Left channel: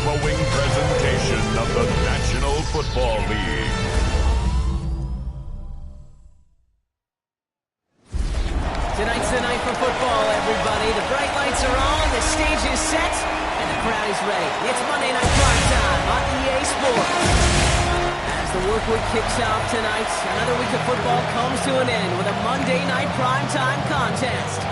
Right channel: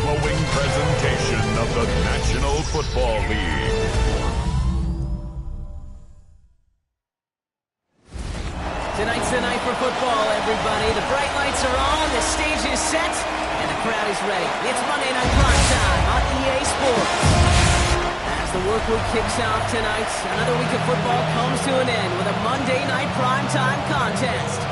following presentation of the National Football League. Tonight's the night for football, everybody. The bright lights are on, the stage is set, and the crowd is ready. It's Monday Night Prime Time on EA Sports. As the work week kicks off tonight, another week of football comes to an end with a Monday Night Prime Time contest.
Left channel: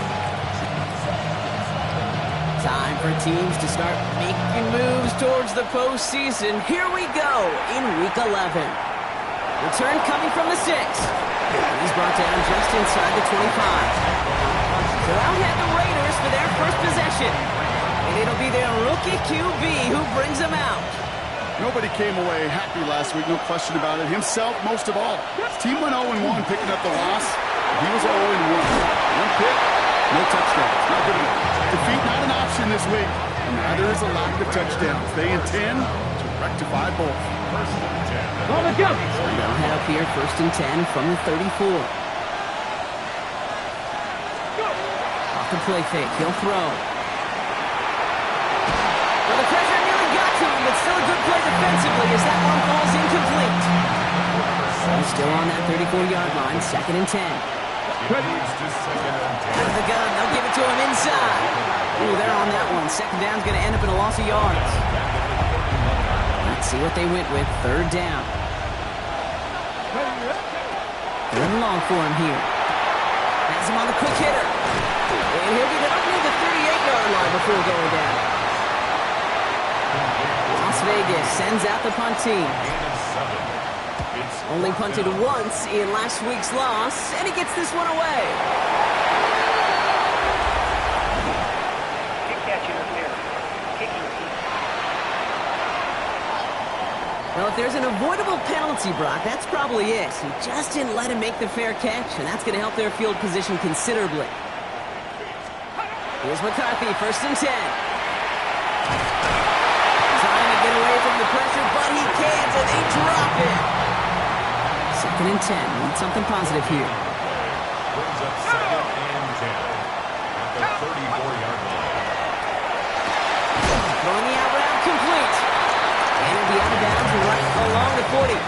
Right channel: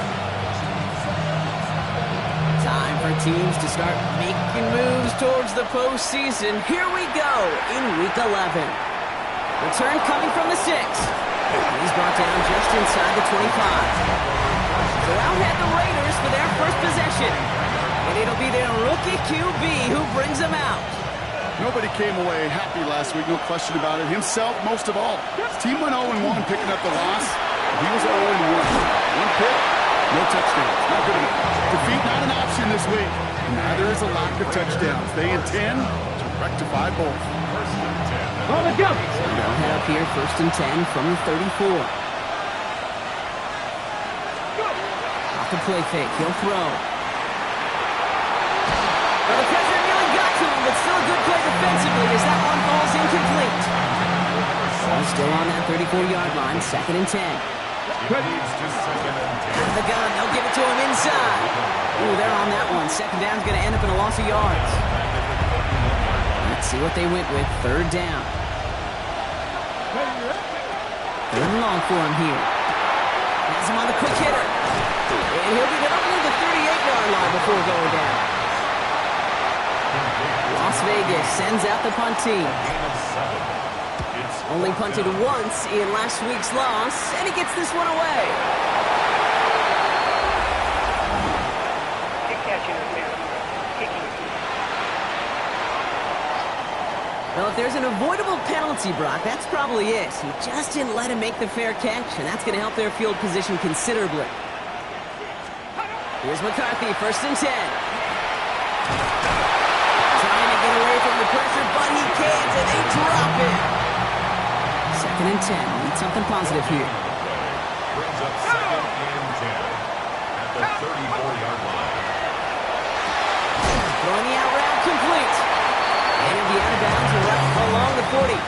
Time for teams to start making moves towards the postseason. Here we go in Week 11. Return coming from the 6. He's brought down just inside the 25. So out head the Raiders for their first possession. And it'll be their rookie QB who brings them out. Nobody came away happy last week, no question about it. Himself, most of all. His team went 0-1 picking up the loss. He was 0-1. One pick, no touchdowns. Not good enough. Defeat not an option this week. And neither is a lack of touchdowns. They intend to rectify both. First and 10. On the go. So they'll head up here, 1st and 10 from the 34. Off the play fake, he'll throw. Well, the pressure nearly got to him, but still a good play defensively as that one falls incomplete. So still on that 34-yard line, 2nd and 10. Out of the gun, they'll give it to him inside. Ooh, they're on that one. 2nd down's going to end up in a loss of yards. Let's see what they went with. 3rd down. 3rd and long for him here. Has him on the quick hitter. And he'll get it up near the 38-yard line before going down. Las Vegas sends out the punt team. Only punted once in last week's loss, and he gets this one away. Kick catching is there. Kicking. Well, if there's an avoidable penalty, Brock, that's probably it. He just didn't let him make the fair catch, and that's going to help their field position considerably. Here's McCarthy, 1st and 10. Trying to get away from the pressure, but he can't, and they drop him. 2nd and 10. Need something positive here. Brings up 2nd and 10 at the 34-yard line. Throwing the out route complete. And it'll be out of bounds right along the 40.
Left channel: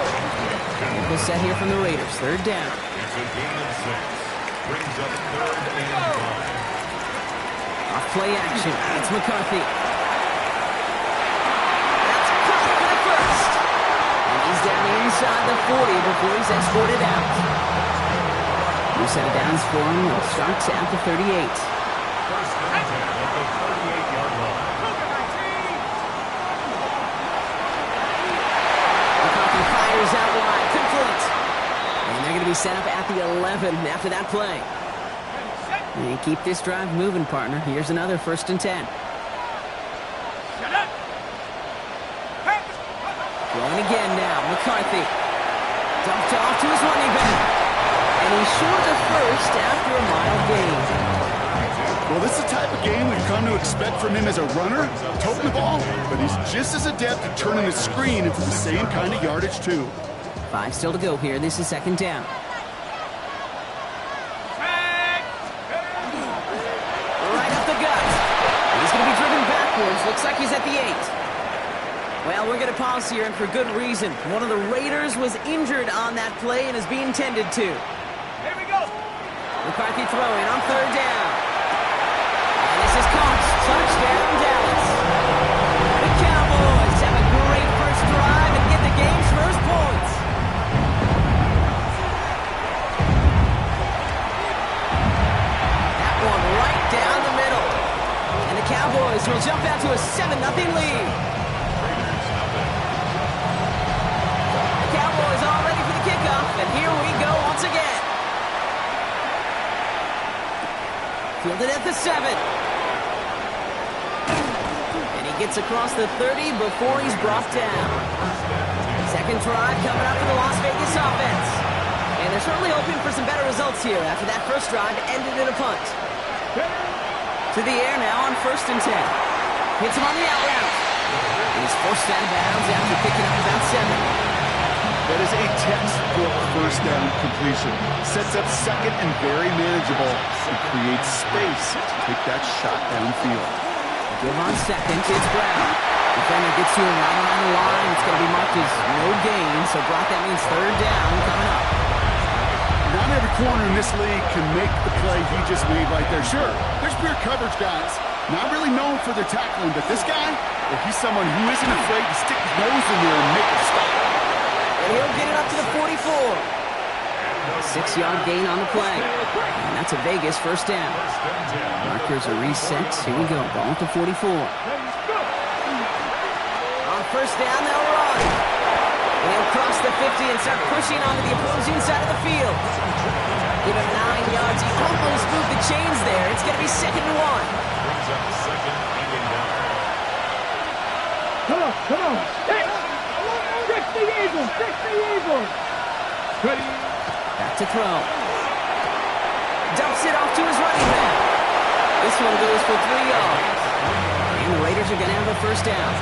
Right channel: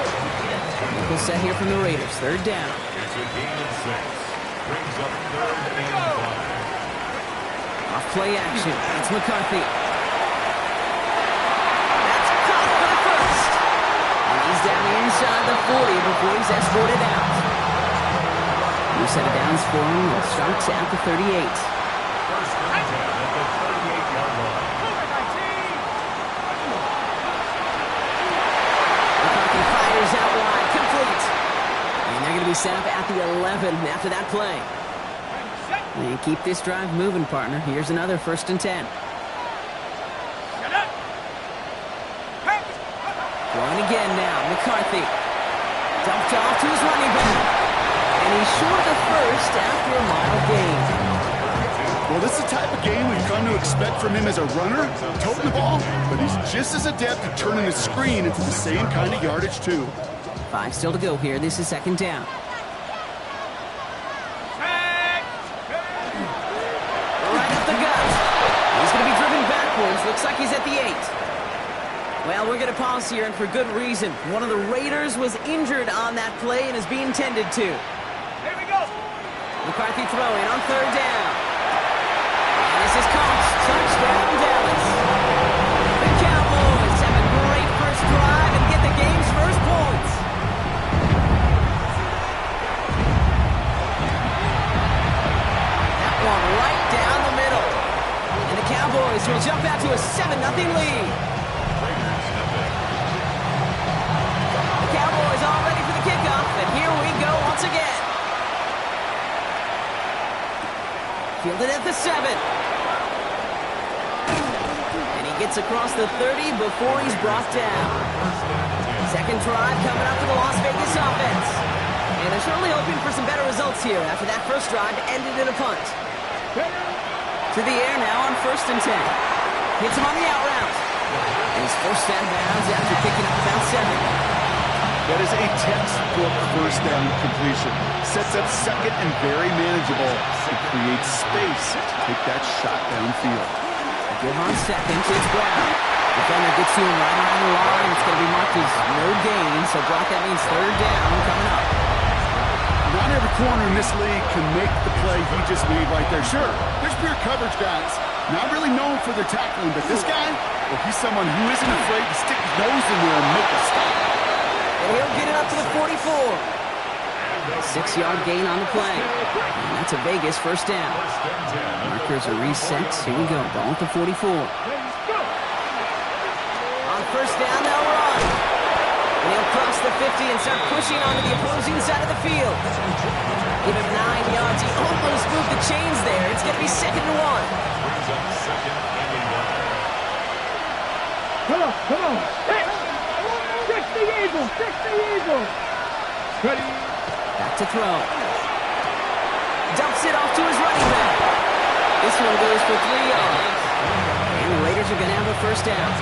Nickel set here from the Raiders. 3rd down. It's a gain of 6. Brings up 3rd and 5. Off play action. It's McCarthy. That's caught for the first. And he's down inside the 40 before he's escorted out. New set of downs for him. It starts at the 38. 1st and 10 at the 38-yard line. McCarthy fires out wide. Complete. And they're going to be set up at the 11 after that play. And keep this drive moving, partner. Here's another 1st and 10. Going again now. McCarthy. Dumped off to his running back. And he's short of the first after a mile gain. Well, this is the type of game we've come to expect from him as a runner, toting the ball, but he's just as adept at turning the screen into the same kind of yardage, too. 5 still to go here. This is 2nd down. Right up the gut. He's going to be driven backwards. Looks like he's at the 8. Well, we're going to pause here, and for good reason. One of the Raiders was injured on that play and is being tended to. Here we go. McCarthy throwing on 3rd down. And this is caught. Touchdown, Dallas. The Cowboys have a great first drive and get the game's first points. That one right down the middle. And the Cowboys will jump out to a 7-0 lead. The Cowboys all ready for the kickoff, and here we go once again. Fielded at the 7. And he gets across the 30 before he's brought down. 2nd drive coming up for the Las Vegas offense. And they're certainly hoping for some better results here after that first drive ended in a punt. To the air now on 1st and 10. Hits him on the out route. And he's forced out of bounds after picking up about 7. That is a textbook 1st down completion. Sets up 2nd and very manageable and creates space to take that shot downfield. Give on 2nd, it's Brown. Defender gets to him right around the line. It's going to be marked as no gain. So, Brock, that means third down coming up. Not every corner in this league can make the play he just made right there. Sure, there's pure coverage guys. Not really known for their tackling, but this guy, well, he's someone who isn't afraid to stick his nose in there and make a stop. And he'll get it up to the 44. 6-yard gain on the play. And that's a Vegas first down. Markers are reset. Here we go. Ball at the 44. On first down, they'll run. And he'll cross the 50 and start pushing onto the opposing side of the field. Give him 9 yards. He almost moved the chains there. It's going to be 2nd and 1. Brings up 2nd and 1. Come on. Fix the Eagles. Ready. Back to throw. Dumps it off to his running back. This one goes for 3 yards. And the Raiders are going to have a first down.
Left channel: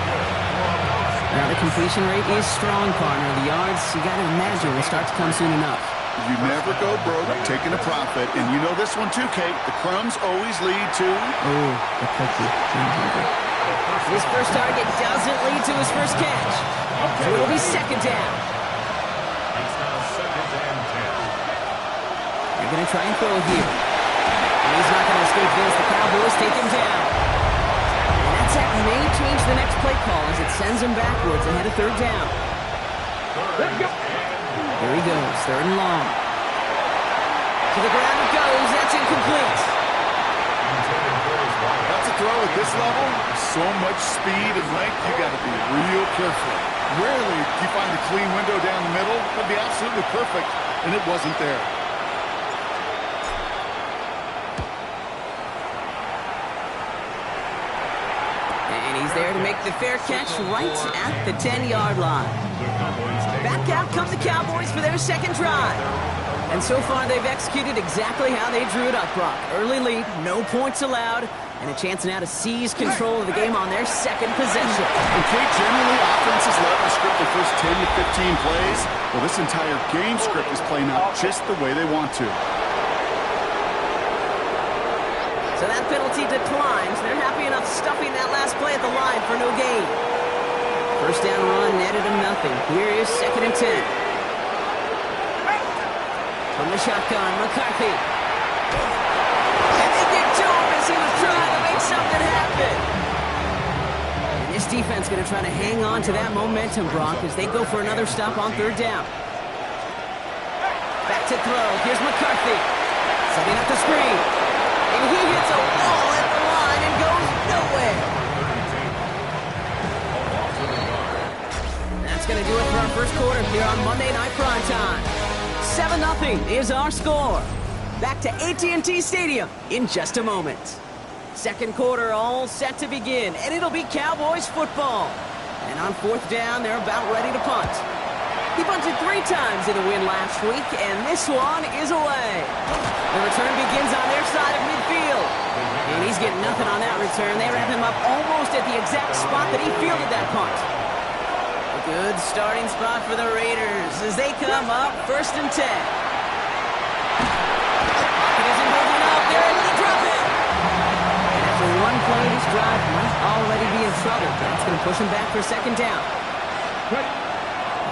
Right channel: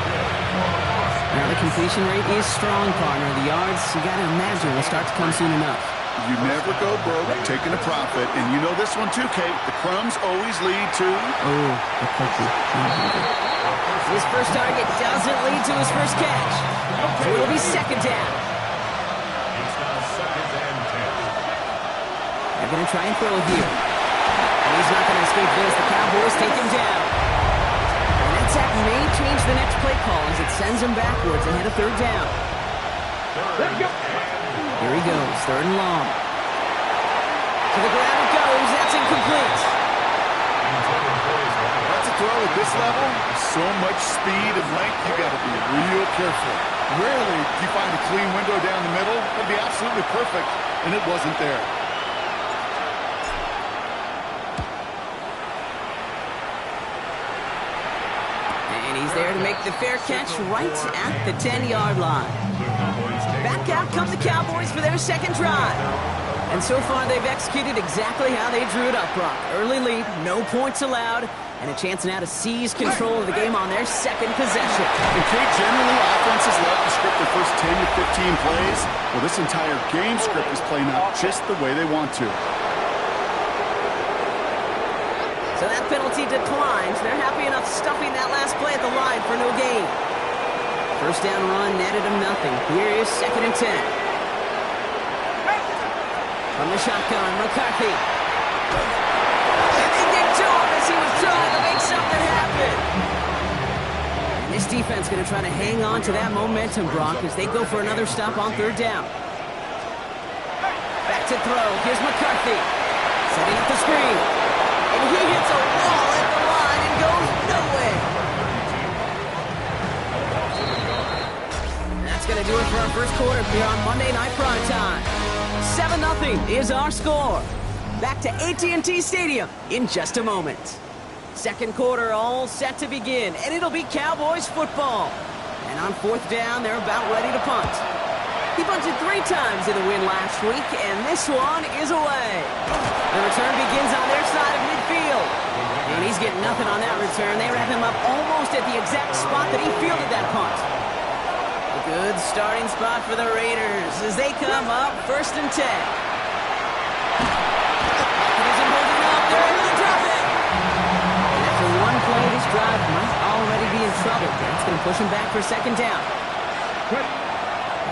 Now the completion rate is strong, partner. The yards, you got to imagine, will start to come soon enough. You never go broke taking a profit. And you know this one too, Kate. The crumbs always lead to... Oh, the cookie. His first target doesn't lead to his first catch. So it'll be 2nd down. It's now 2nd and 10. They're going to try and throw here. And he's not going to escape this. The Cowboys take him down. And that sack may change the next play call as it sends him backwards ahead of 3rd down. Here he goes, 3rd and long. To the ground it goes. That's incomplete. That's a throw at this level. So much speed and length, you got to be real careful. Rarely do you find a clean window down the middle. That'd be absolutely perfect, and it wasn't there. And he's there to make the fair catch right at the 10-yard line. Back out come the Cowboys for their 2nd drive. And so far, they've executed exactly how they drew it up, Brock. Early lead, no points allowed, and a chance now to seize control of the game on their 2nd possession. And Kate, generally, offenses love to script the first 10 to 15 plays. Well, this entire game script is playing out just the way they want to. So that penalty declines. They're happy enough stuffing that last play at the line for no gain. First down run netted him nothing. Here is 2nd and 10. From the shotgun, McCarthy. And they get to him as he was trying to make something happen. And this defense going to try to hang on to that momentum, Brock, as they go for another stop on 3rd down. Back to throw. Here's McCarthy. Setting up the screen. And he hits a wall at the line and goes nowhere. That's going to do it for our first quarter here on Monday Night Primetime. 7-0 is our score. Back to AT&T Stadium in just a moment. 2nd quarter all set to begin, and it'll be Cowboys football. And on 4th down, they're about ready to punt. He punted 3 times in the win last week, and this one is away. The return begins on their side of midfield. And he's getting nothing on that return. They wrap him up almost at the exact spot that he fielded that punt. A good starting spot for the Raiders as they come up 1st and 10. Pocket isn't holding up. They're able to drop it. And after one play, this drive might already be in trouble. That's going to push him back for 2nd down.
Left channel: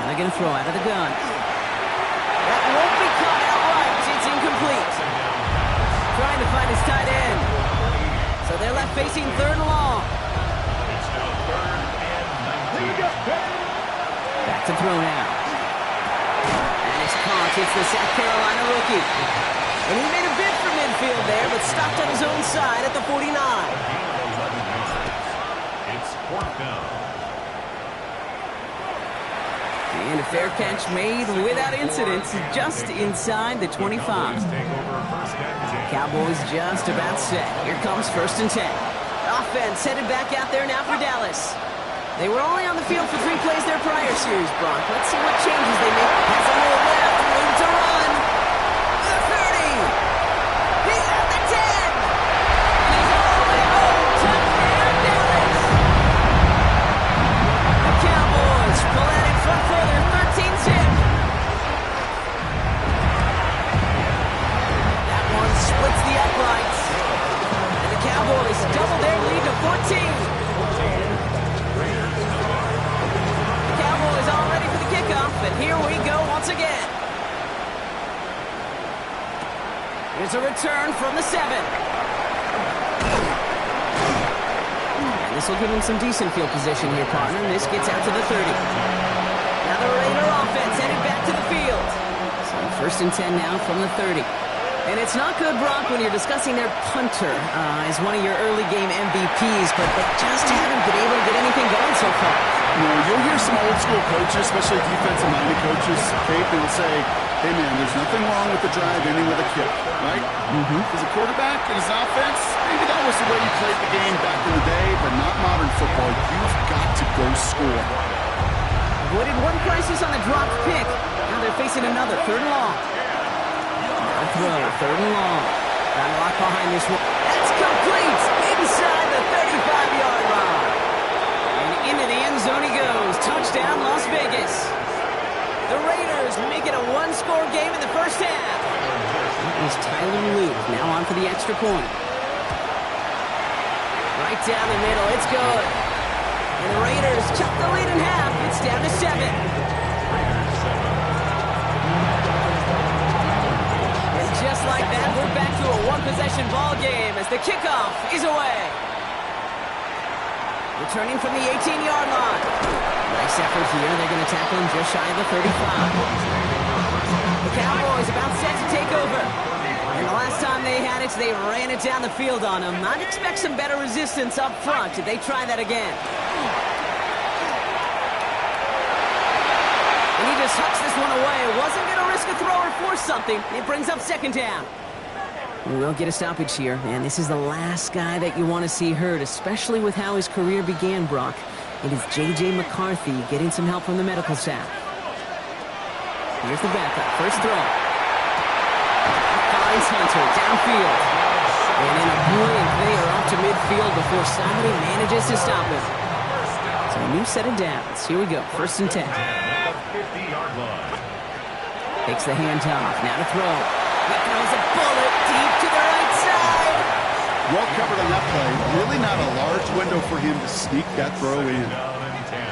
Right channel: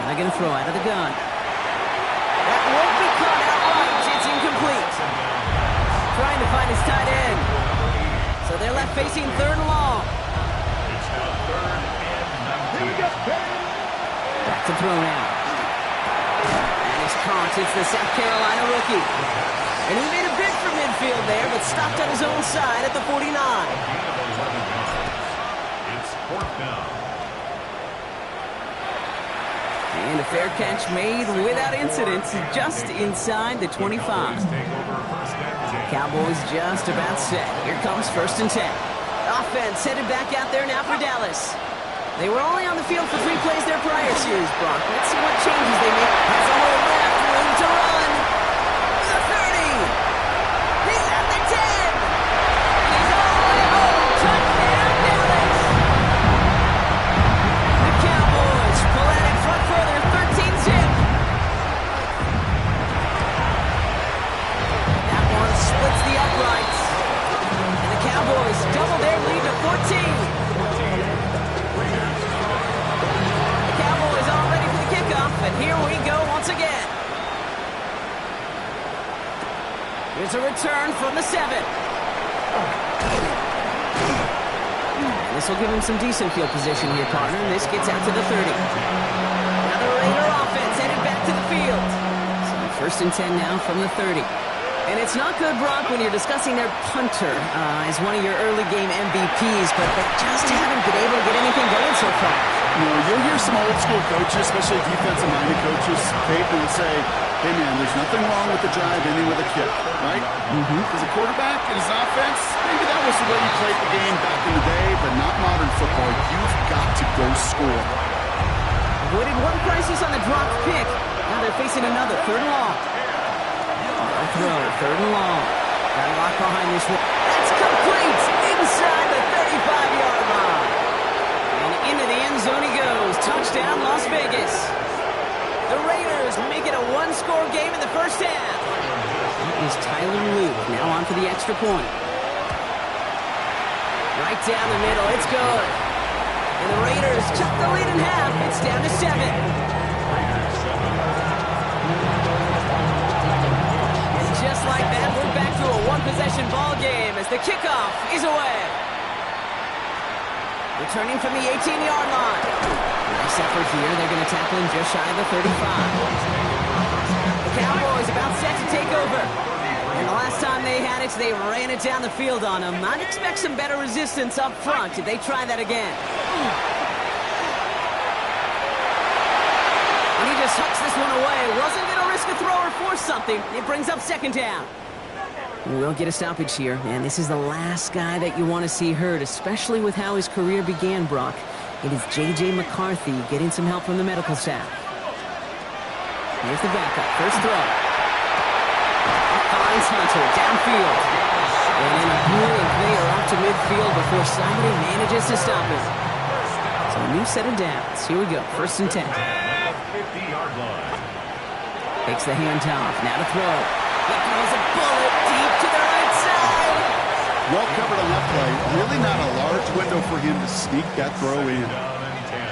And they're going to throw out of the gun. That won't be caught outright. It's incomplete. Trying to find his tight end. So they're left facing 3rd and long. It's now 3rd and 19. Back to throw now. And his caught. It's the South Carolina rookie. And he made a bid for midfield there, but stopped on his own side at the 49. A gain of 11 yards. It's 4th down. And a fair catch made without incident just inside the 25. Cowboys just about set. Here comes 1st and 10. Offense headed back out there now for Dallas. They were only on the field for 3 plays their prior series, Brock. Let's see what changes they make. Has a hole left, room to run. The 30. He's at the 10. And he's all the way home. Touchdown, Dallas. The Cowboys pull out in front further, 13-zip. That one splits the uprights. And the Cowboys double their lead to 14. and here we go once again. Here's a return from the 7. And this will give him some decent field position here, partner. This gets out to the 30. Now the Raider offense headed back to the field. So 1st and 10 now from the 30. And it's not good, Brock, when you're discussing their punter as one of your early game MVPs, but they just haven't been able to get anything going so far. You know, you'll hear some old school coaches, especially defensive-minded coaches, Kate, they'll say, hey, man, there's nothing wrong with the drive ending with a kick, right? As a quarterback in his offense, maybe that was the way you played the game back in the day, but not modern football. You've got to go score. Avoided one crisis on a dropped pick. Now they're facing another 3rd and long. Now throw, 3rd and long. Got a lock behind this one. That's complete inside the 35-yard line. And into the end zone he goes. Touchdown, Las Vegas. The Raiders make it a 1-score game in the first half. That is Tyler Luke now on for the extra point. Right down the middle, it's good. And the Raiders cut the lead in half. It's down to 7. Raiders 7. And just like that, we're back to a 1-possession ball game as the kickoff is away. Returning from the 18-yard line. Nice effort here. They're going to tackle him just shy of the 35. The Cowboys about set to take over. And the last time they had it, they ran it down the field on him. I'd expect some better resistance up front if they try that again. And he just hucks this one away. Wasn't going to risk a throw or force something. It brings up 2nd down. We'll get a stoppage here, and this is the last guy that you want to see hurt, especially with how his career began, Brock. It is J.J. McCarthy getting some help from the medical staff. Here's the backup. First throw. Finds Hunter downfield. And in a blink, they are off to midfield before somebody manages to stop him. So a new set of downs. Here we go. 1st and 10. 50-yard line. Takes the handoff. Now to throw. He throws a bullet deep to the right side. Well covered on that play. Really not a large window for him to sneak that throw in. Down and 10.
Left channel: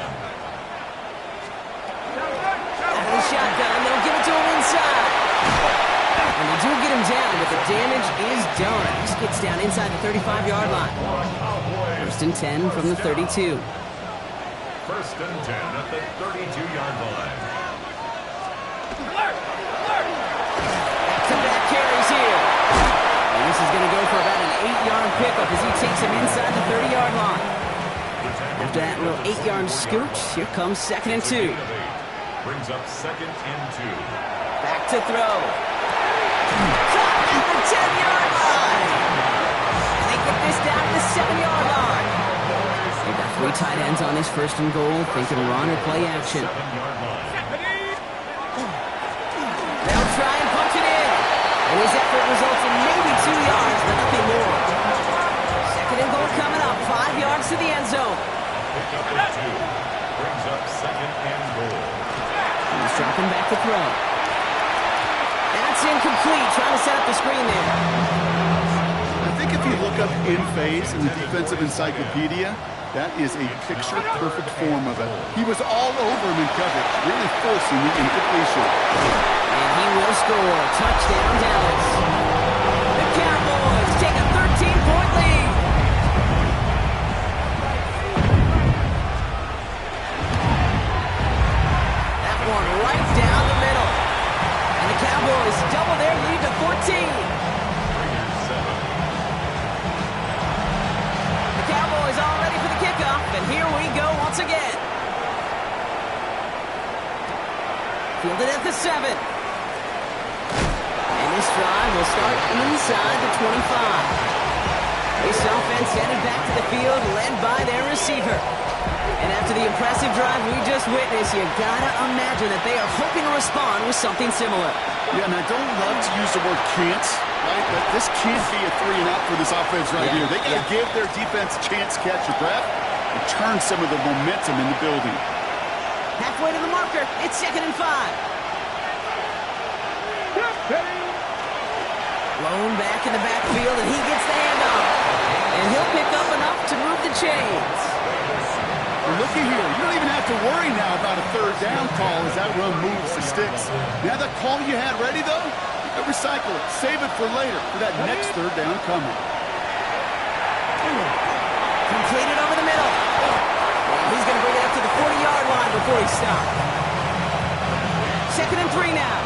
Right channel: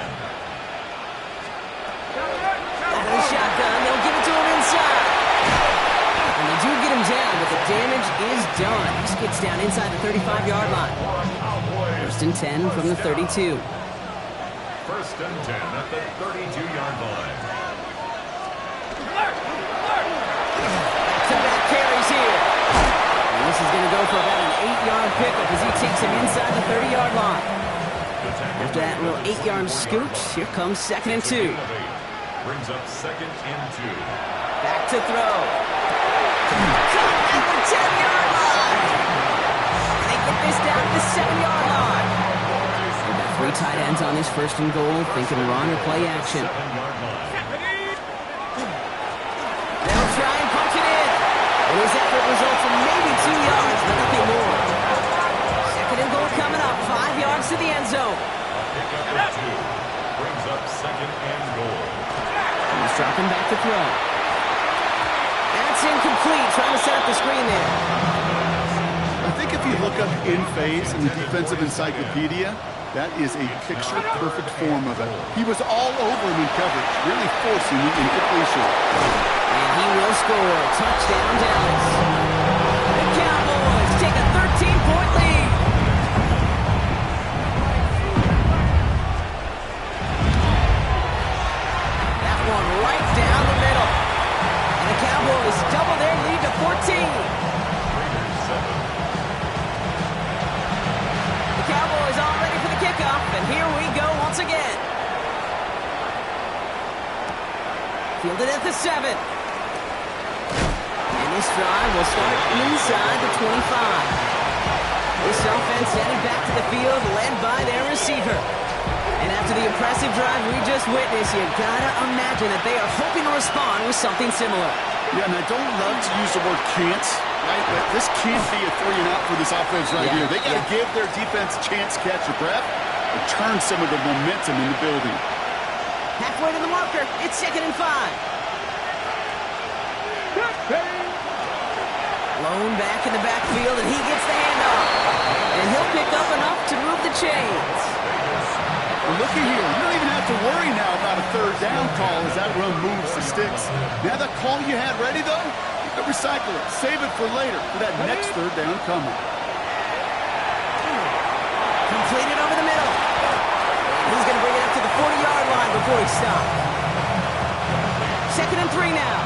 Out of the shotgun, they'll give it to him inside. And they do get him down, but the damage is done. He gets down inside the 35-yard line. 1st and 10 from the 32. 1st and 10 at the 32-yard line. Back-to-back carries here. And this is going to go for about an 8-yard pickup as he takes him inside the 30-yard line. After that little 8-yard scooch, here comes 2nd and 2. Brings up 2nd and 2. Back to throw. Caught at the 10-yard line. And they get this down to the 7-yard line. They've got 3 tight ends on this 1st and goal, thinking run or play action. 7-yard line. They'll try and punch it in. And his effort results in maybe 2 yards, but nothing more. 2nd and goal coming up, 5 yards to the end zone. Pick up at 2. Brings up 2nd and goal. He's dropping back to throw. That's incomplete, trying to set up the screen there. I think if you look up in phase in the defensive encyclopedia, that is a picture-perfect form of it. He was all over him in coverage, really forcing the incompletion. And he will score. Touchdown, Dallas. The Cowboys take a 13-point lead. That one right down the middle. And the Cowboys double their lead to 14. Raiders 7. The Cowboys all ready for the kickoff, and here we go once again. Fielded at the 7. And this drive will start inside the 25. This offense headed back to the field, led by their receiver. And after the impressive drive we just witnessed, you gotta imagine that they are hoping to respond with something similar. Yeah, and I don't love to use the word can't, right? But this can't be a 3-and-out for this offense right here. They got to give their defense a chance to catch their breath and turn some of the momentum in the building. Halfway to the marker, it's 2nd and 5. Blown back in the backfield, and he gets the handoff. And he'll pick up enough to move the chains. Well, looky here. You don't even have to worry now about a third down call as that run moves the sticks. Now that call you had ready, though, you can recycle it. Save it for later for that next third down coming. Completed over the middle. And he's going to bring it up to the 40-yard line before he stops. 2nd and 3 now.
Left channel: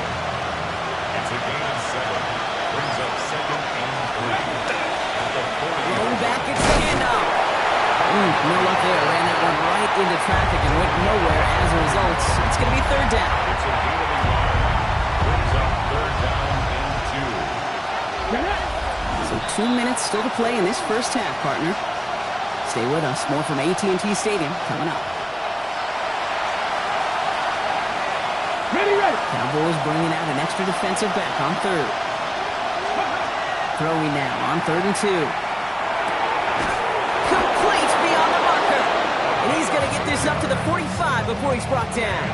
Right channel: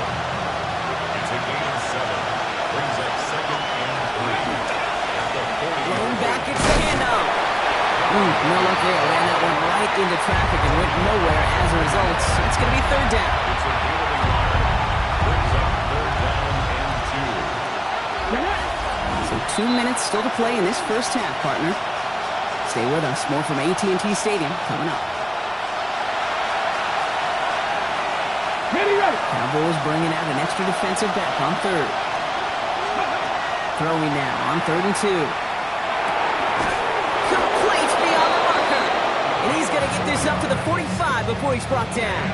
It's a gain of 7. Brings up 2nd and 3. At the 40. Blown back, it's the handoff. No luck there. Ran that one right into traffic and went nowhere as a result. It's going to be 3rd down. It's a gain of a yard. Brings up 3rd down and 2. So 2 minutes still to play in this first half, partner. Stay with us. More from AT&T Stadium coming up. Ready. Cowboys bringing out an extra defensive back on 3rd. Throwing now on 3rd and 2. Complete beyond the marker. And he's going to get this up to the 45 before he's brought down.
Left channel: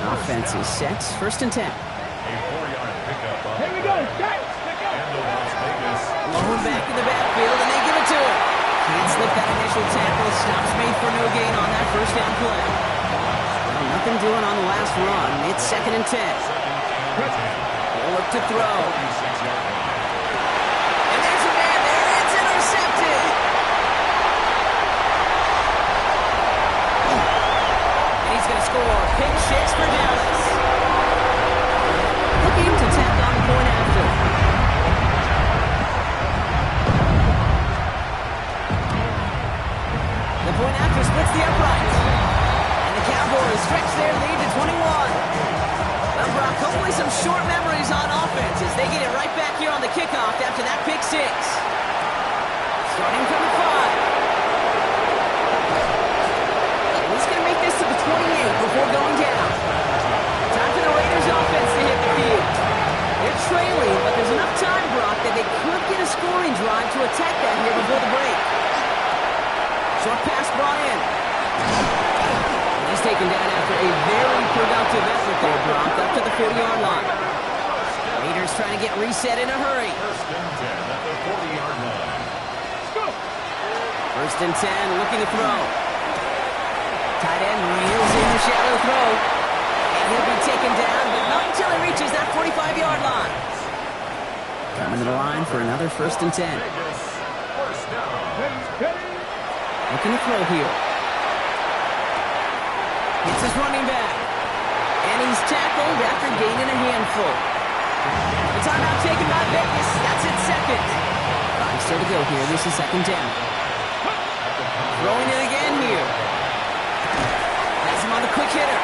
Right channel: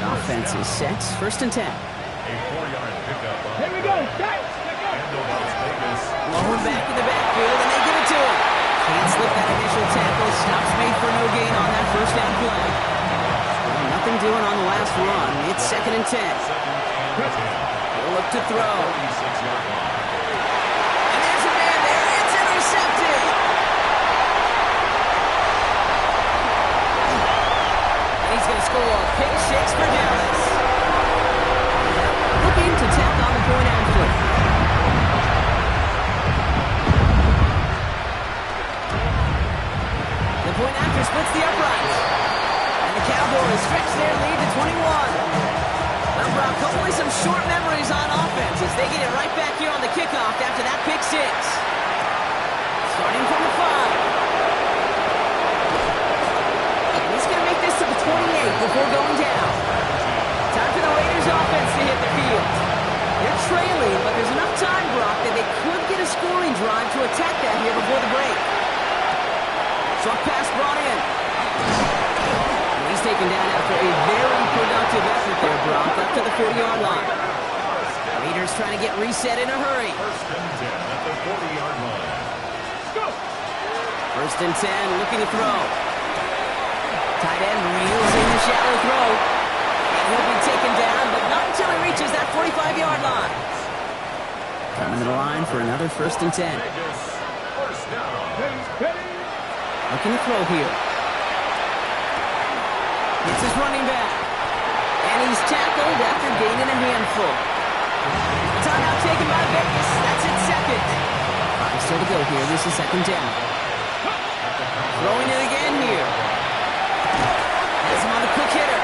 The offense is set. 1st and 10. A 4-yard pickup on Here we go. and the Las Vegas. Low back in the backfield, and they give it to him. Can't slip that initial tackle. Stops made for no gain on that 1st down play. Well, nothing doing on the last run. It's 2nd and 10. 2nd and 10. He'll look to throw. 46-yard line. And there's a man there. It's intercepted. And he's going to score. Pick 6 for Dallas. Looking to tack on the point after. The point after splits the uprights. And the Cowboys stretch their lead to 21. Well, Brock, hopefully some short memories on offense as they get it right back here on the kickoff after that pick 6. Starting from the 5. And he's going to make this to the 28 before going down. Time for the Raiders offense to hit the field. They're trailing, but there's enough time, Brock, that they could get a scoring drive to attack that here before the break. Short pass brought in. And he's taken down after a very productive effort there, Brock, up to the 40-yard line. Raiders trying to get reset in a hurry. 1st and 10 at the 40-yard line. Let's go. 1st and 10, looking to throw. Tight end reels in the shallow throw. And he'll be taken down, but not until he reaches that 45-yard line. Coming to the line for another 1st and 10. Vegas, 1st down. Ready. Looking to throw here. It's his running back. And he's tackled after gaining a handful. The timeout taken by Vegas. That's it, 2nd. 5 still to go here. This is 2nd down. Throwing it again here. Has him on the quick hitter.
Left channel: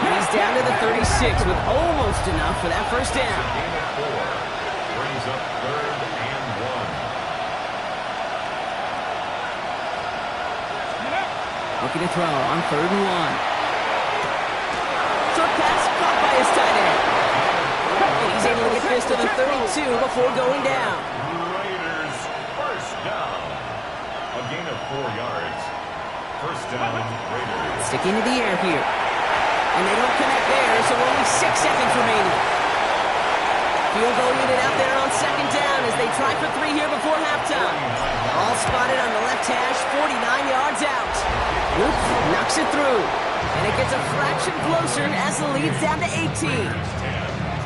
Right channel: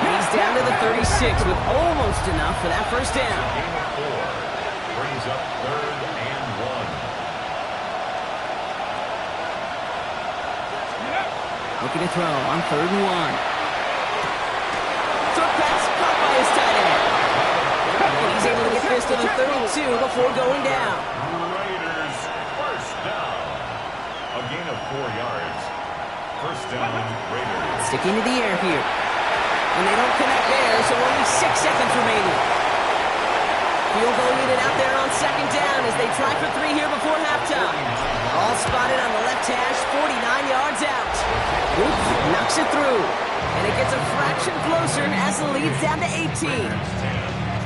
And he's down to the 36 with almost enough for that 1st down. Gain of 4. Brings up 3rd and 1. Looking to throw on 3rd and 1. Short pass caught by his tight end. And he's able to get this to the 32 before going down. Raiders, 1st down. A gain of 4 yards. 1st down, Raiders. Sticking to the air here. And they don't connect there, so only 6 seconds remaining. Field goal unit out there on 2nd down as they try for 3 here before halftime. All spotted on the left hash, 49 yards out. Oops, knocks it through. And it gets a fraction closer as the lead's down to 18.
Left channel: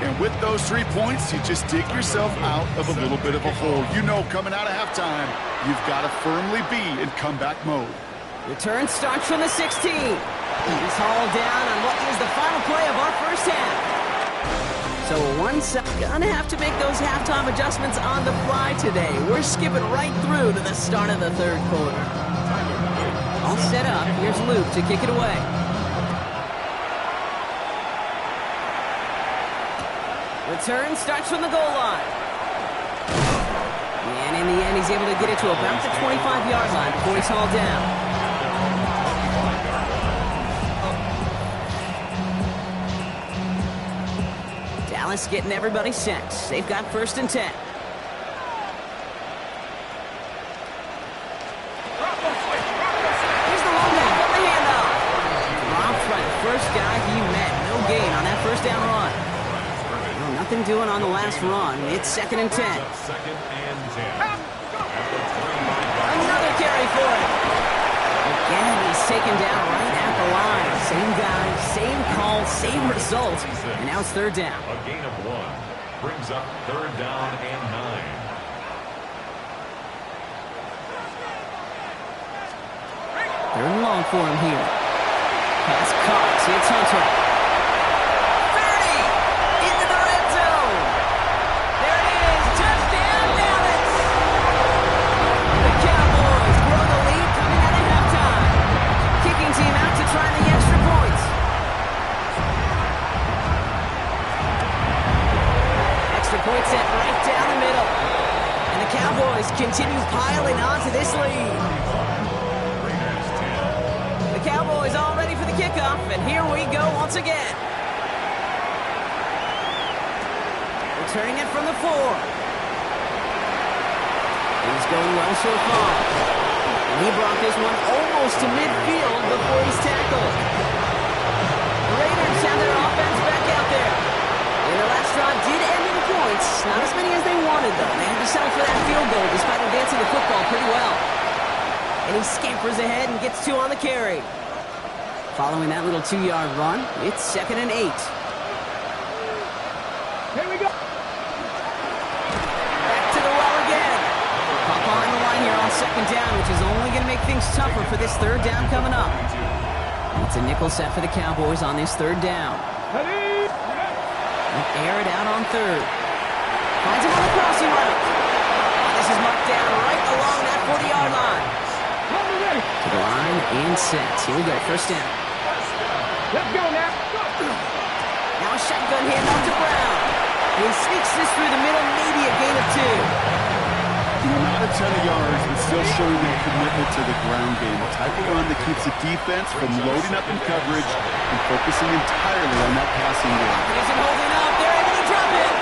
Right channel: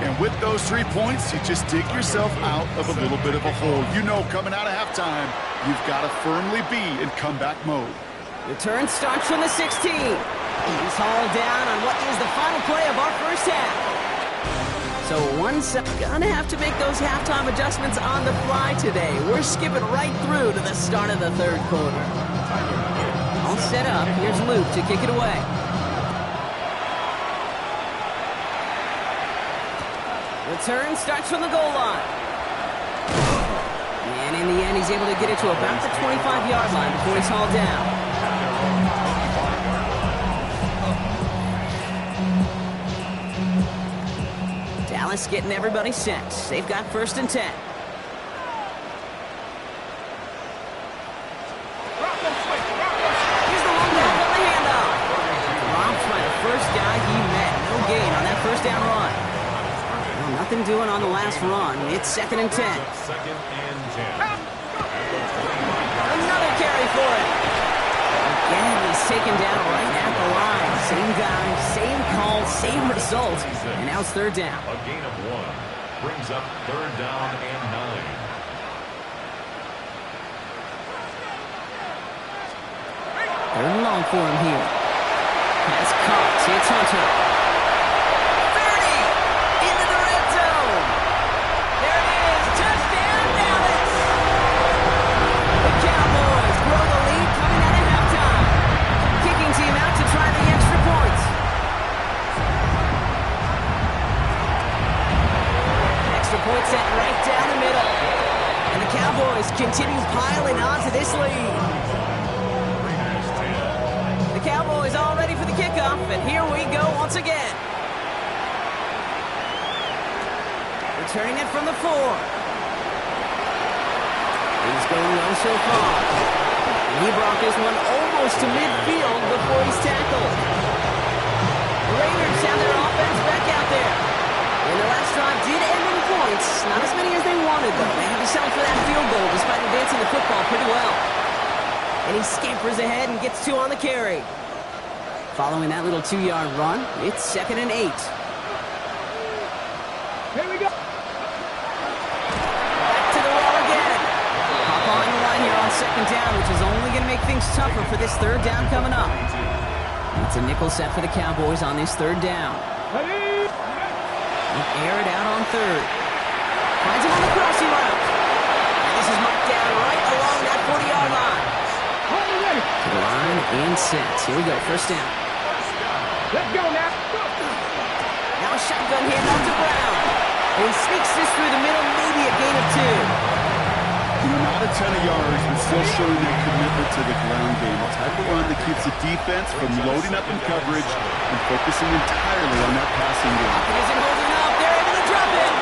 And with those 3 points, you just dig yourself out of a little bit of a hole. You know, coming out of halftime, you've got to firmly be in comeback mode. Return starts from the 16. He's hauled down on what is the final play of our first half. So gonna have to make those halftime adjustments on the fly today. We're skipping right through to the start of the 3rd quarter. All set up. Here's Luke to kick it away. Return starts from the goal line. And in the end, he's able to get it to about the 25-yard line before he's hauled down. Dallas getting everybody set. They've got 1st and 10. Here's the long back on the handoff. Dropped by the first guy he met. No gain on that 1st down run. Well, nothing doing on the last run. It's 2nd and 10. 2nd and 10. At the 25-yard line. Another carry for him. he's taken down right at the line. Same guy, same call, same result. And now it's third down. A gain of 1 brings up third down and 9. Third and long for him here. Pass caught. It's Hunter. 30! Into the red zone! There it is! Touchdown, Dallas! The Cowboys grow the lead coming out of halftime. Kicking team out to try the extra points. Extra point set right down the middle. And the Cowboys continue piling on to this lead. Cowboys all ready for the kickoff, and here we go once again. Returning it from the 4. He's going well so far. And he brought this one almost to midfield before he's tackled. The Raiders have their offense back out there. And their last drive did end in points. Not as many as they wanted, though. They had to settle for that field goal despite advancing the football pretty well. And he scampers ahead and gets 2 on the carry. Following that little 2-yard run, it's 2nd and 8. Here we go. Back to the well again. Hop on the line here on 2nd down, which is only going to make things tougher for this third down coming up. And it's a nickel set for the Cowboys on this third down. Ready. They'll air it out on third. Finds him on the crossing route. And this is marked down right along that 40-yard line. Ready. To the line and set. Here we go, first down. Let's go now. Now a shotgun handoff to Brown. And he sneaks this through the middle, maybe a gain of 2. Not a ton of yards, but still showing their commitment to the ground game. A type of run that keeps the defense from loading up in coverage and focusing entirely on that passing game. It isn't holding up. They're able to drop it.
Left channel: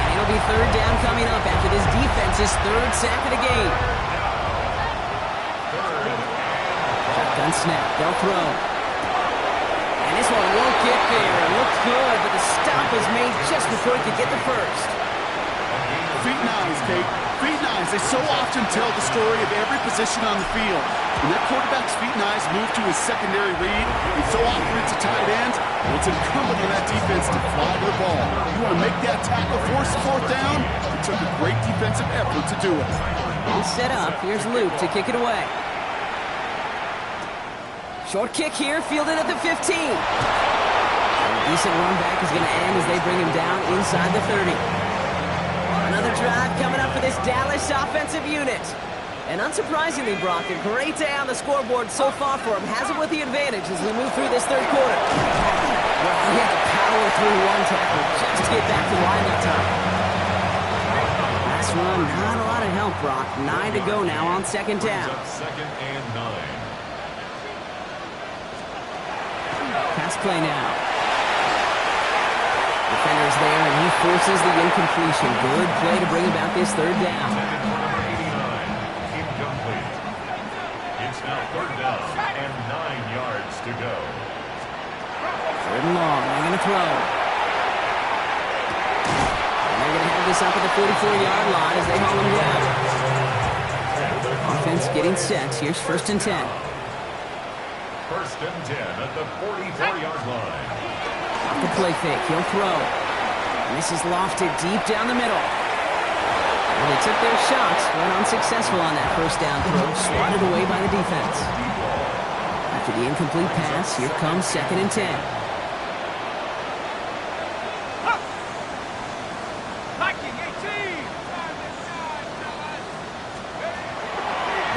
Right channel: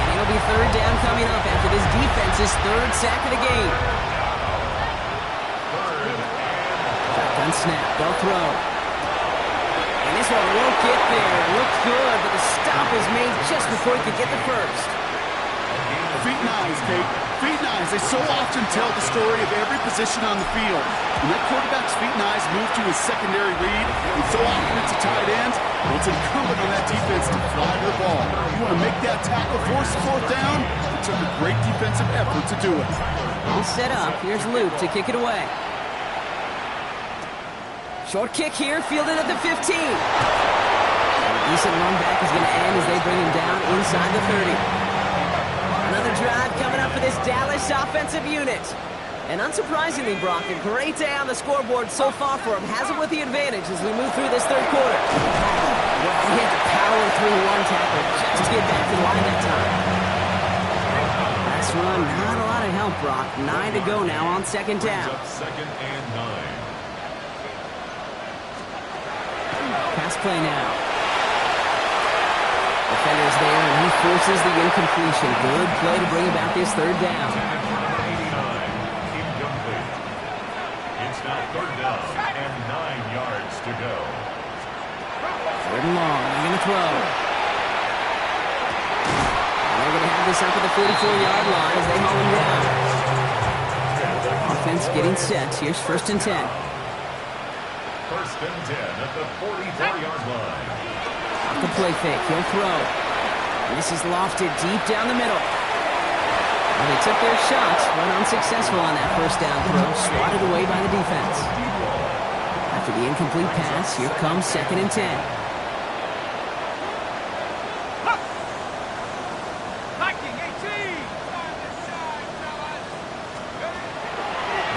And it'll be third down coming up after this defense's third sack of the game. Shotgun snap. They'll throw. And this one won't get there. It looked good, but the stop is made just before he could get the first. Feet and eyes, Kate. Feet and eyes. They so often tell the story of every position on the field. When that quarterback's feet and eyes move to his secondary read, and so often it's a tight end, well, it's incumbent on that defense to fly to the ball. You want to make that tackle, force fourth down? It took a great defensive effort to do it. All set up. Here's Luke to kick it away. Short kick here, fielded at the 15. A decent run back is going to end as they bring him down inside the 30. Another drive coming up for this Dallas offensive unit. And unsurprisingly, Brock, a great day on the scoreboard so far for him. Has him with the advantage as we move through this third quarter. Well, he had to power through one tackle just to get back to the line that time. Last run, not a lot of help, Brock. 9 to go now on 2nd down. 2nd and 9. Pass play now. Defender's there, and he forces the incompletion. Good play to bring about this third down. Intended for number 89. Incomplete. It's now third down and 9 yards to go. Third and long. They're going to throw. And they're going to have this up at the 44-yard line as they haul him down. Offense getting set. Here's 1st and 10. 1st and 10 at the 44-yard line. Off the play fake. He'll throw. And this is lofted deep down the middle. Well, they took their shots, went unsuccessful on that first down throw, swatted away by the defense. After the incomplete pass, here comes 2nd and 10.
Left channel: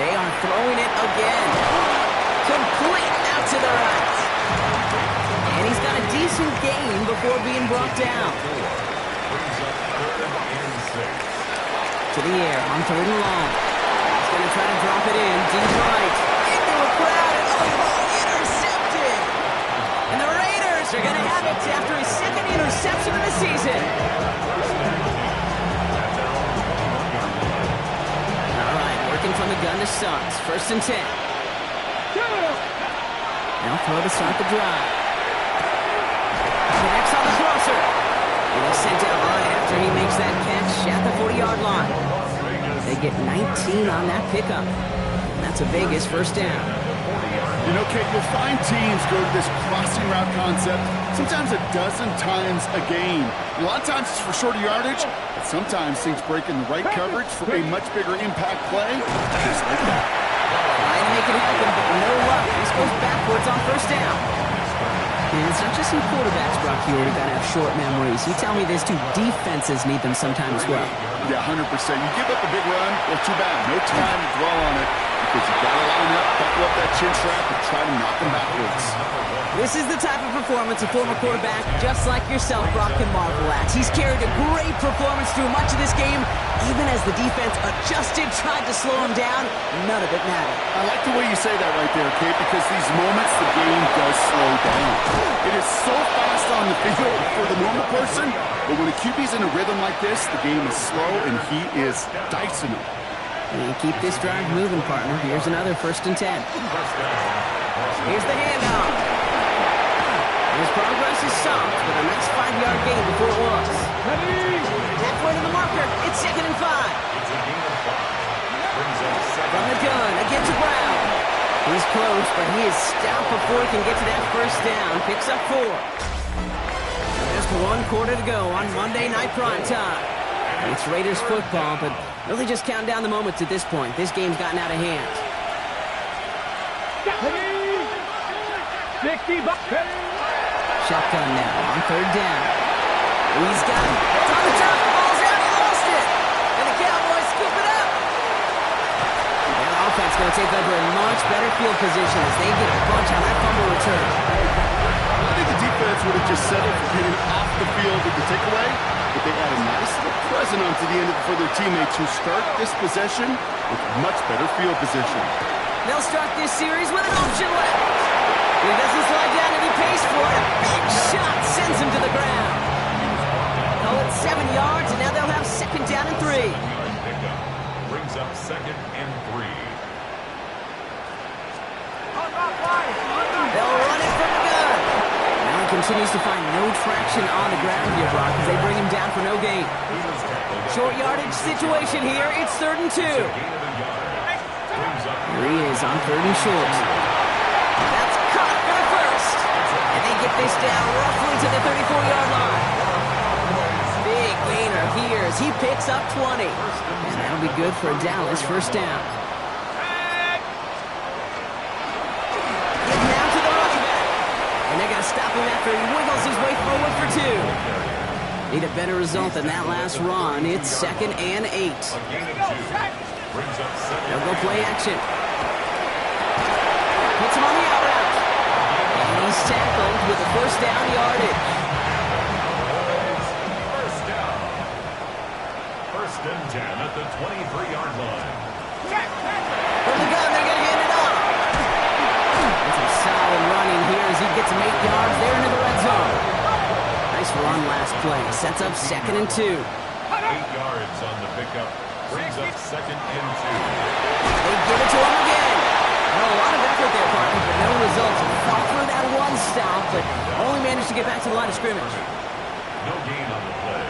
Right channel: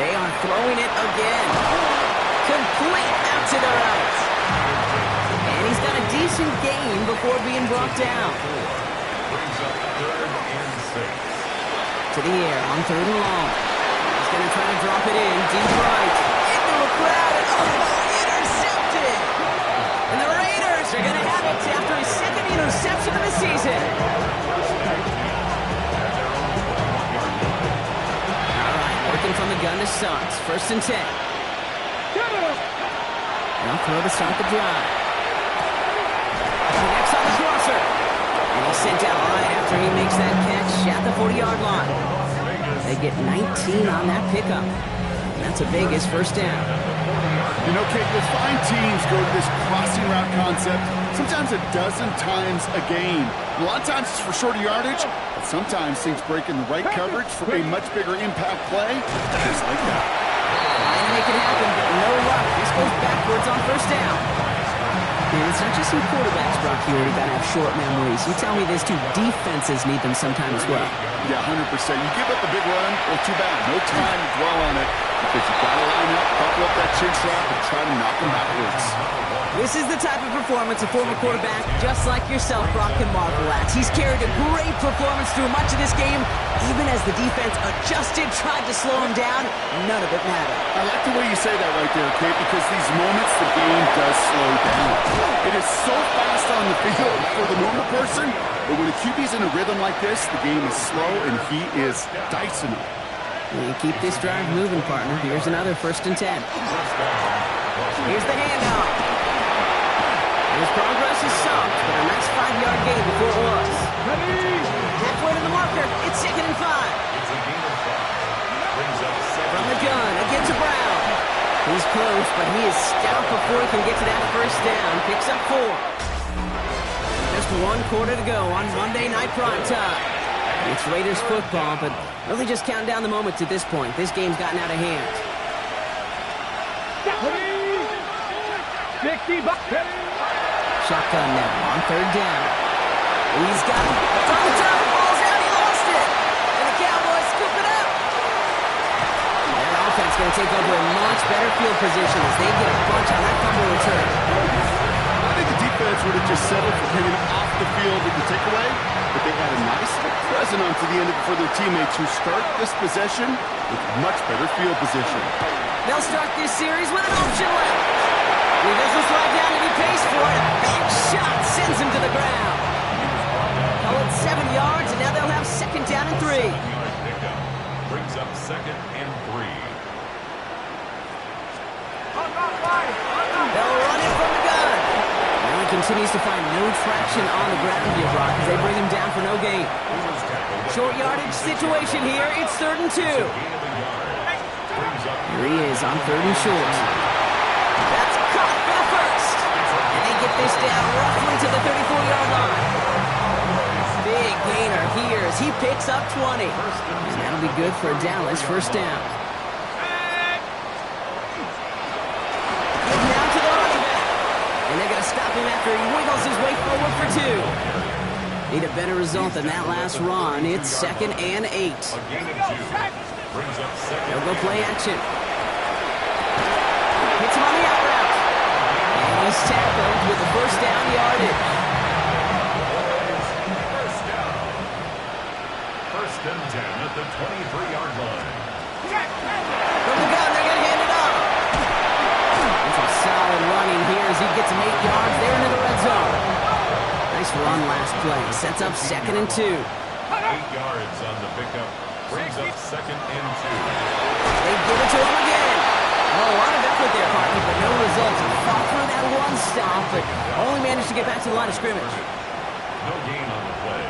They are throwing it again. Complete out to the right. And he's got a decent gain before being brought down. Brings up 3rd and 6. To the air on 3rd and long. He's going to try to drop it in deep right. Into a crowd and intercepted. And the Raiders are going to have it after his 2nd interception of the season. All right, working from the gun to start. 1st and 10. They'll throw to start the drive. Connects on the crosser. And he's sent out right after he makes that catch at the 40-yard line. They get 19 on that pickup. And that's a Vegas first down. You know, Kate, you'll find teams go to this crossing route concept sometimes a dozen times a game. A lot of times it's for shorter yardage, but sometimes things break in the right coverage for a much bigger impact play, just like that. Trying to make it happen, but no luck. This goes backwards on first down. And it's not just in quarterbacks, Brock, you already got to have short memories. You tell me these two defenses need them sometime as well. Yeah, 100%. You give up a big run, well, too bad. No time to dwell on it because you got to line up, buckle up that chin strap, and try to knock them backwards. This is the type of performance a former quarterback, just like yourself, Brock, can marvel at. He's carried a great performance through much of this game. Even as the defense adjusted, tried to slow him down, none of it mattered. I like the way you say that right there, Kate, because these moments the game does slow down. It is so fast on the field for the normal person, but when a QB's in a rhythm like this, the game is slow and he is dicing them. And keep this drive moving, partner. Here's another 1st and 10. Here's the handoff. And his progress is soft, but a nice 5-yard gain before it was. Halfway to the marker, it's 2nd and 5. It's a gain of 5. Brings up 7. From the gun, again to Brown. He's close, but he is stout before he can get to that 1st down. Picks up 4. Just 1 quarter to go on Monday Night Primetime. It's Raiders football, but really just counting down the moments at this point. This game's gotten out of hand. 60 bucks. Shotgun now on 3rd down. He's got it. It's on the turf. Ball's out. He lost it. And the Cowboys scoop it up. Their offense going to take over in much better field position as they get a bunch on that fumble return. I think the defense would have just settled for getting off the field with the takeaway, but they had a nice little present onto the end for their teammates who start this possession with much better field position. They'll start this series with an option left. He doesn't slide down and he pays for it. A big shot sends him to the ground. Call it 7 yards, and now they'll have 2nd down and 3. 7-yard pickup. Brings up 2nd and 3. They'll run it from the gun. Now he continues to find no traction on the ground here, Brock, as they bring him down for no gain. Short yardage situation here. It's 3rd and 2. Gain of a yard. Brings up Here he is on 3rd and short. That's caught for the 1st. And they get this down roughly to the 34-yard line. Big gainer here as he picks up 20. And that'll be good for a Dallas 1st down. Get down to the running back. And they're going to stop him after he wiggles his way forward for 2. Need a better result than that last run. It's 2nd and 8. a gain of 2. Brings up 2nd. They'll go play action. Hits him on the out route. And he's tackled with the 1st down yardage. First down. 1st and 10 at the 23-yard line. From the gun, they're going to hand it off. And some solid running here as he gets him 8 yards. They're into the red zone. Nice run last play. Sets up 2nd and 2. 8 yards on the pickup. Brings up 2nd and 2. They give it to him again. Oh, a lot of effort there, partner, but no results. Fought through that one stop, but only managed to get back to the line of scrimmage. No gain on the play.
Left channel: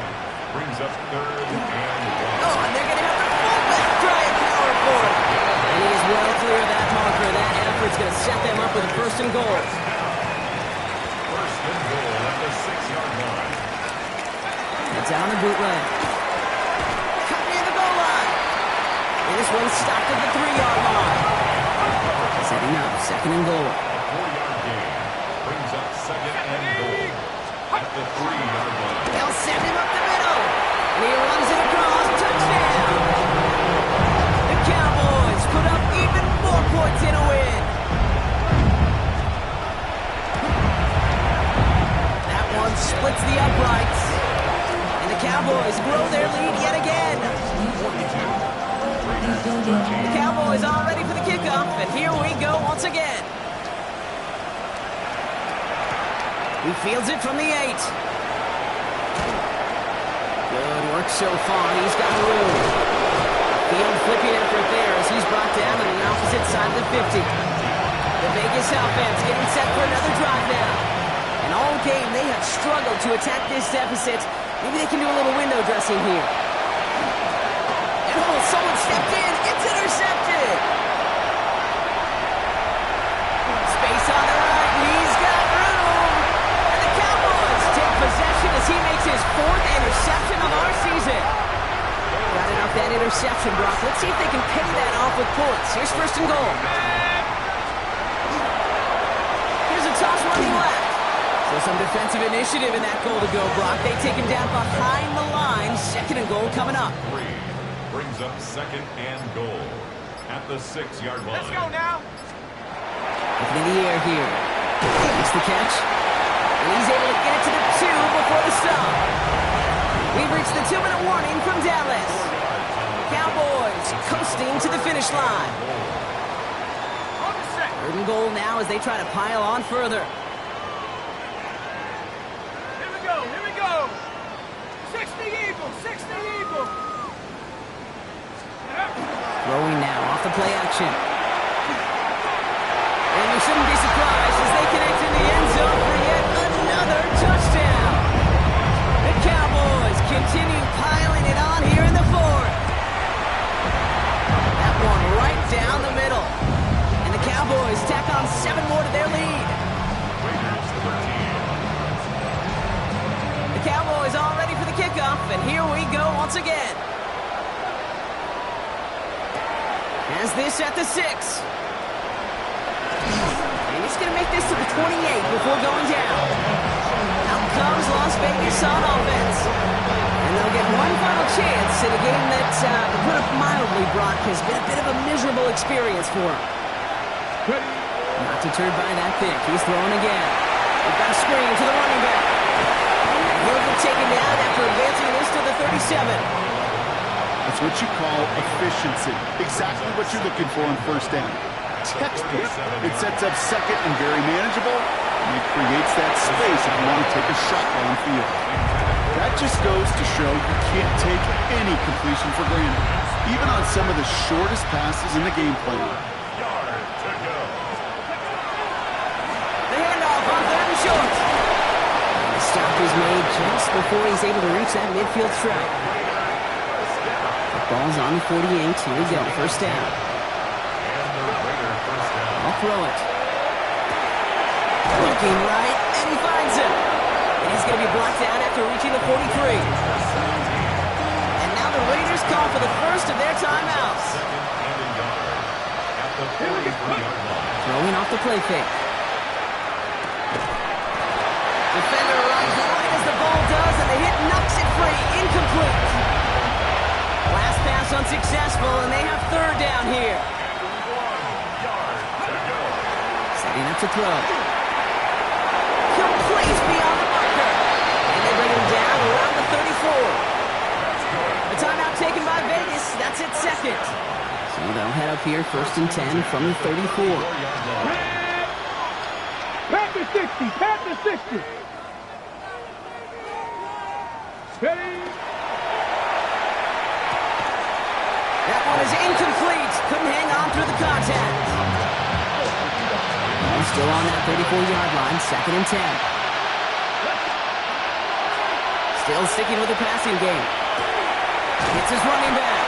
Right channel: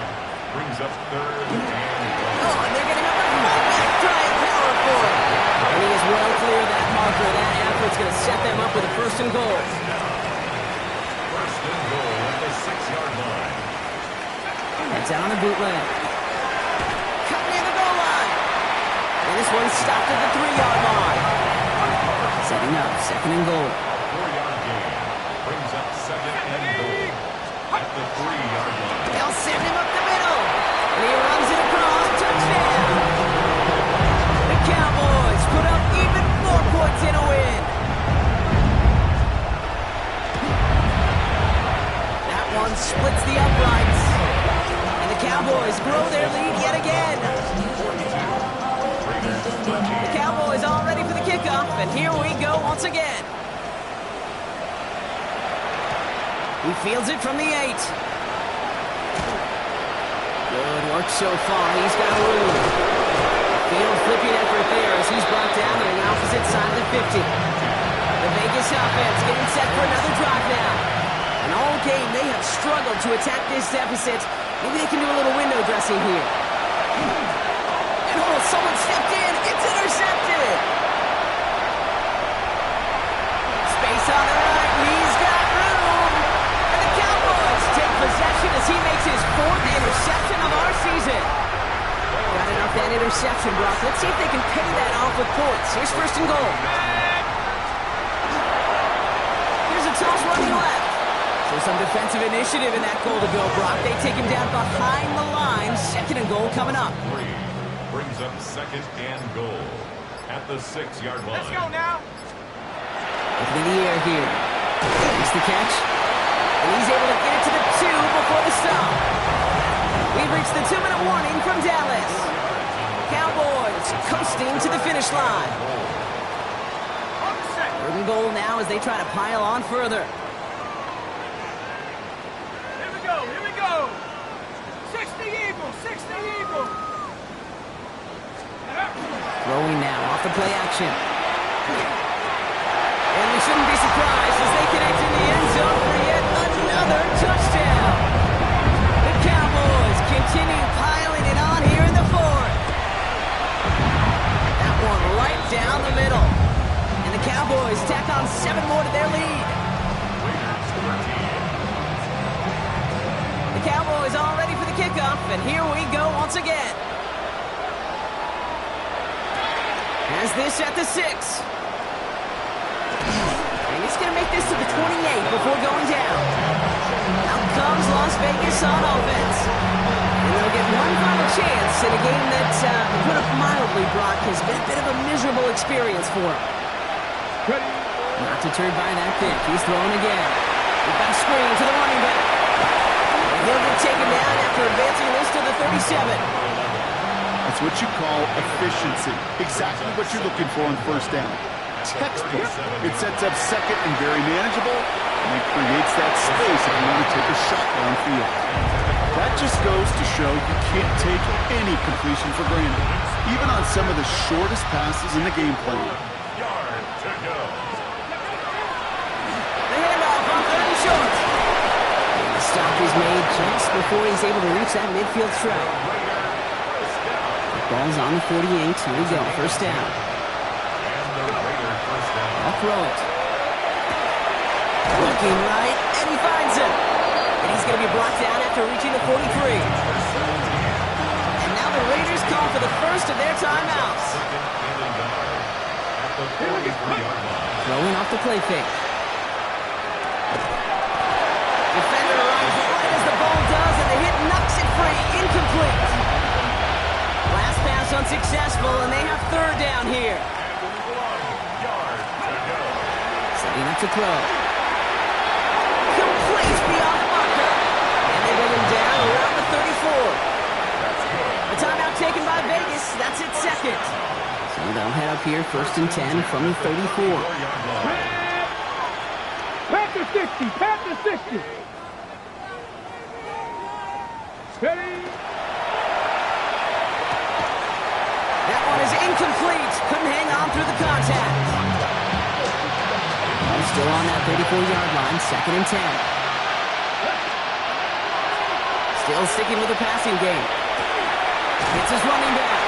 Brings up 3rd and 1. Oh, and they're going to have the fullback try and power for it. And he is well clear of that marker. That effort's going to set them up with a 1st and goal. 1st and goal at the 6-yard line. It's out on the bootleg. Cut near the goal line. And this one's stopped at the 3-yard line. Setting up 2nd and goal. A 4-yard gain. Brings up 2nd and goal at the 3-yard line. They'll send him up the middle. And he runs it across. Touchdown. The Cowboys put up even more points in a win. That one splits the uprights. And the Cowboys grow their lead yet again. 42. The Cowboys all ready for the kickoff, and here we go once again. He fields it from the 8. Good work so far. He's got room. Field flipping effort there as he's brought down on the opposite side of the 50. The Vegas offense getting set for another drive now. And all game, they have struggled to attack this deficit. Maybe they can do a little window dressing here. And oh, someone stepped in. It's intercepted. on the right. He's got room. And the Cowboys take possession as he makes his 4th interception of our season. Got enough that interception, Brock. Let's see if they can pay that off with points. Here's 1st and goal. Here's a toss running left. So some defensive initiative in that goal to go, Brock. They take him down behind the line. 2nd and goal coming up. 3 brings up 2nd and goal at the 6-yard line. Let's go now. Looking in the air here. Makes the catch. And he's able to get it to the 2 before the stop. We've reached the 2-minute warning from Dallas. Cowboys coasting to the finish line. 3rd and goal now as they try to pile on further. Here we go. 60 Eagle, 60 Eagle. Throwing now off the play action. And we shouldn't be surprised as they connect in the end zone for yet another touchdown. The Cowboys continue piling it on here in the 4th. That one right down the middle. And the Cowboys tack on 7 more to their lead. Raiders 13. The Cowboys all ready for the kickoff, and here we go once again. Has this at the 6. And he's going to make this to the 28 before going down. Out comes Las Vegas on offense. And they'll get one final chance in a game that, to put it mildly, Brock, has been a bit of a miserable experience for him. Not deterred by that pick. He's throwing again. We've got a screen to the running back. And he'll get taken down after advancing this to the 37. That's what you call efficiency. Exactly what you're looking for on 1st down. Textbook. It sets up 2nd and very manageable, and it creates that space if you want to take a shot downfield. That just goes to show you can't take any completion for granted, even on some of the shortest passes in the game plan. Yard to go. The handoff on 3rd and short. And the stop is made just before he's able to reach that midfield strike. Ball's on the 48. Here we go. 1st down. And the Raider 1st down. I'll throw it. Looking right, and he finds him. And he's going to be brought down after reaching the 43. And now the Raiders call for the first of their timeouts. 2nd and a yard at the 43-yard line. Throwing off the play fake. Defender arrives right as the ball does, and the hit knocks it free. Incomplete. Last pass unsuccessful, and they have 3rd down here. And 1 yard to go. Setting up to throw. Complete beyond the marker. And they bring him down around the 34. That's good. A timeout taken by Vegas. That's its 2nd. So they'll head up here 1st and 10 from the 34. 4-yard line. Panther 60, Panther 60. Ready? That one is incomplete. Couldn't hang on through the contact. They're still on that 34-yard line, 2nd and 10. Still sticking with the passing game. Hits his running back.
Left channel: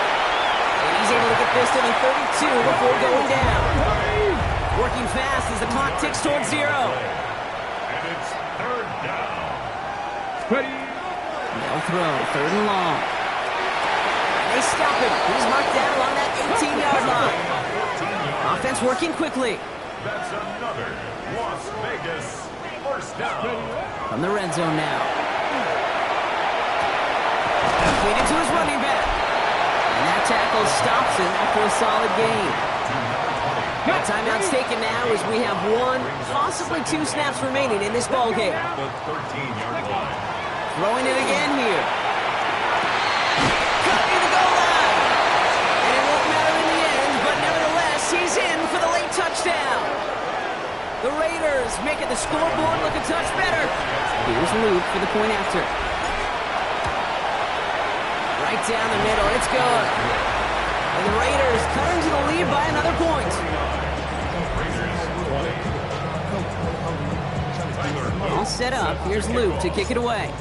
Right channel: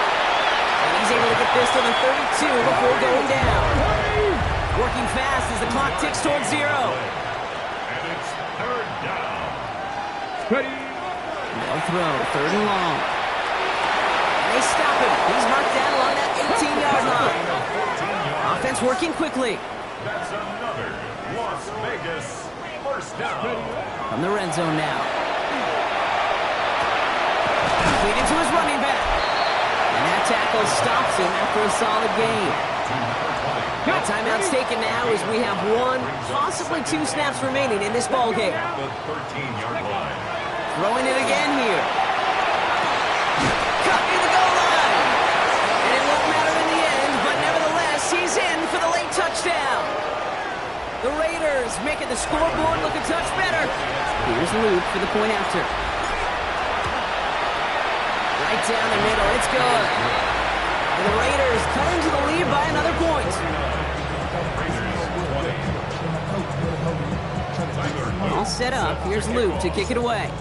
And he's able to get this to the 32 before going down. Working fast as the clock ticks towards 0. And it's 3rd down. Ready? They'll throw 3rd and long. And they stop him. He's marked down along that 18-yard line. 14 yards. Offense working quickly. That's another Las Vegas 1st down. From the red zone now. Completed to his running back. And that tackle stops him after a solid gain. That timeout's taken now as we have 1, possibly 2 snaps remaining in this ball game. The 13-yard line. Throwing it again here. Cut near the goal line. And it won't matter in the end, but nevertheless, he's in for the late touchdown. The Raiders making the scoreboard look a touch better. Here's Luke for the point after. Right down the middle, it's good. And the Raiders cut into the lead by another point. All set up. Here's Luke to kick it away.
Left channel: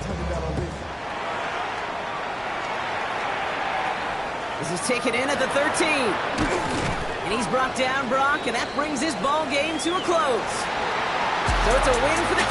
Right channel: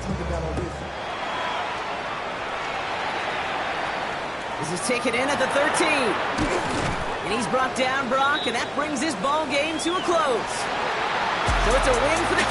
This is taken in at the 13. And he's brought down, Brock, and that brings this ball game to a close. So it's a win for the Cowboys.